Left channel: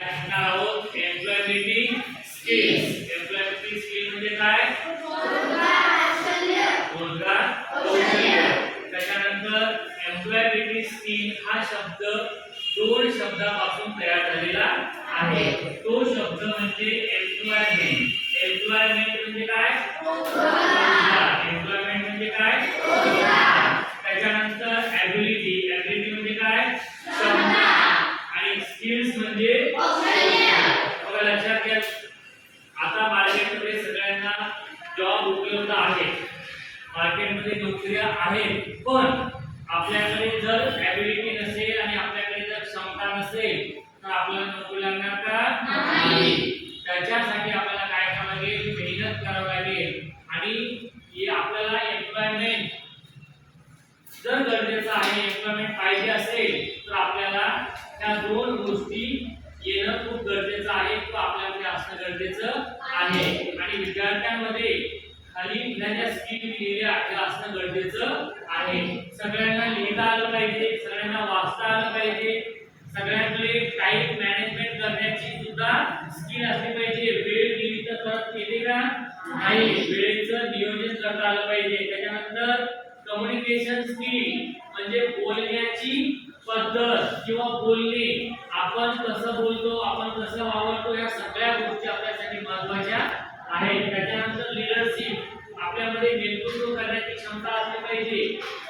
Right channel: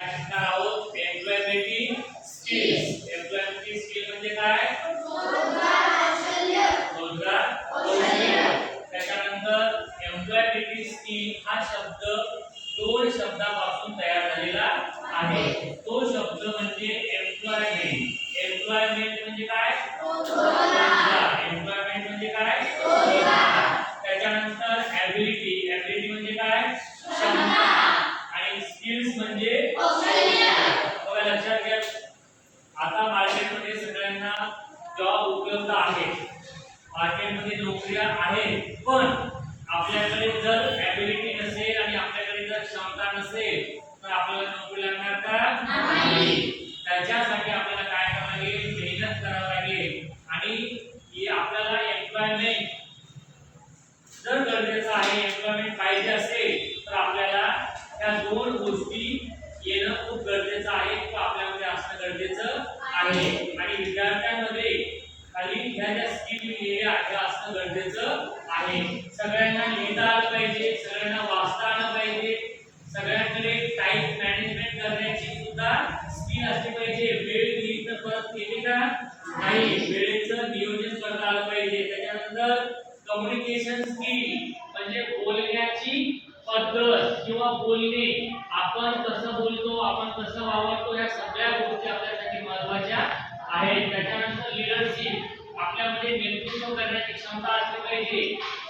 शिकणार आहोत employability skills. Employability skill म्हणजे काय? रोजगार कौशल्य. त्याच्यानंतर एम्प्लॉयबिलिटी स्किल हा शब्द दोन शब्दापासून तयार झालेला आहे. तो शब्द म्हणजे एम्प्लॉयमेंट. एम्प्लॉयमेंट म्हणजे काय? रोजगार. एम्प्लॉयमेंट म्हणजे काय? रोजगार. त्याच्यानंतर एबिलिटी. एबिलिटी म्हणजे काय? क्षमता. आणि स्किल्स म्हणजे कौशल्य. बघा लक्षात घ्या, आता मार्केटमध्ये सगळ्यांना जॉब उपलब्ध आहेत, मार्केटमध्ये नोकऱ्या आहेत, पण आपल्याकडे जर एबिलिटी नसेल आणि आपल्याकडे जर क्षमता नसेल तर आपल्याला नोकरी लागणार का? नाही. त्याच्यासाठी आपल्याला काय करावं लागेल? मेहनत करावी लागेल. आणि आपल्याला एम्प्लॉयमेंट जर गरजेचं आहे, एम्प्लॉयमेंट पाहिजे असेल तर आपल्याला त्या दोन गोष्टी येणं खूप गरजेचं आहे, तो आपल्यामध्ये असणं गरजेचं आहे. आणि विद्यार्थ्यांमध्ये खाली ह्या ज्या स्किल लिहिलेल्या त्या असणं गरजेचं आहे. सगळ्यांना लिहिता आलं पाहिजे, सगळ्यांना वाचता आलं पाहिजे, सगळ्यांकडे टाइम मॅनेजमेंट करण्याची सुद्धा स्किल असली पाहिजे. वेळ दिली तर परत केली का नाही, वेळेचं नियोजन करता आलं पाहिजे. त्याच्यानंतर कम्युनिकेशन स्किल म्हणजे बोलण्याची पद्धत किंवा बोलणे, आपण कसं बोलतो, आपण कसं वावरतो, या सगळ्या गोष्टी आपल्यासाठी महत्त्वाच्या आहेत. त्याच्यानंतर लीडरशिप, आपल्यामध्ये नेतृत्व करण्याची क्षमता असली पाहिजे.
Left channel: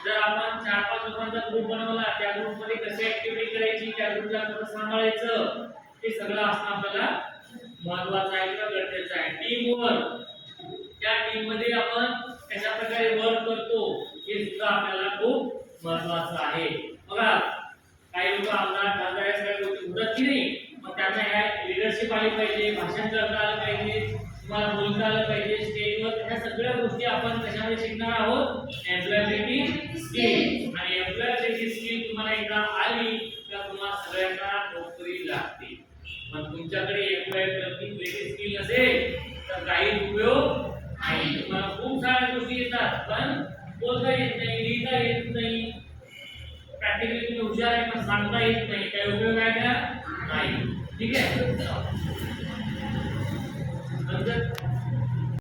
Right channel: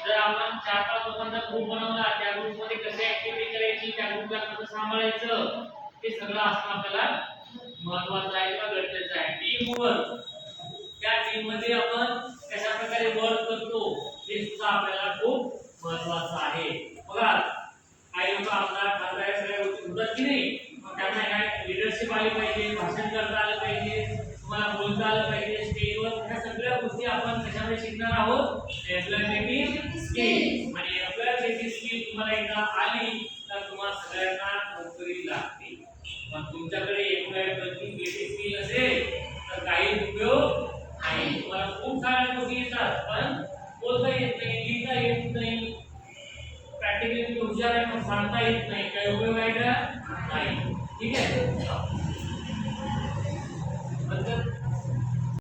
जर आपण 4-5 लोकांचा ग्रुप बनवला, त्या ग्रुपमध्ये कशी ऍक्टिव्हिटी करायची, त्या ग्रुपला कसं सांभाळायचं, हे सगळं असणं आपल्याला महत्त्वाचं आहे किंवा गरजेचं आहे. टीम वर्क, त्या टीम मध्ये आपण कशा प्रकारे वर्क करतो हे सुद्धा आपल्याला खूप महत्त्वाचं आहे. बघा काही लोक आमदार खासदार या सगळ्या गोष्टी होतात की नाही, मग त्यांना ह्या लीडरशिप आली पाहिजे, भाषण करता आलं पाहिजे, तुम्हाला बोलता आलं पाहिजे स्टेजवर. ह्या सगळ्या गोष्टी आपण कशामध्ये शिकणार आहोत? Employability skill. आणि एम्प्लॉयबिलिटी स्किल तुम्हाला एकदा आली तर तुम्हाला सगळ्यांना नोकरी लागते. पण तुमच्याकडे एम्प्लॉयबिलिटी स्किल नसेल तर काही उपयोग नाही. तुम्हाला खूप साऱ्या गोष्टी येतात पण बोलता येत नाही, लिहिता येत नाही, प्रॅक्टिकली हुशार आहे पण सांगता येत नाही, काय उपयोग आहे का? नाही. ठीक आहे. नंतर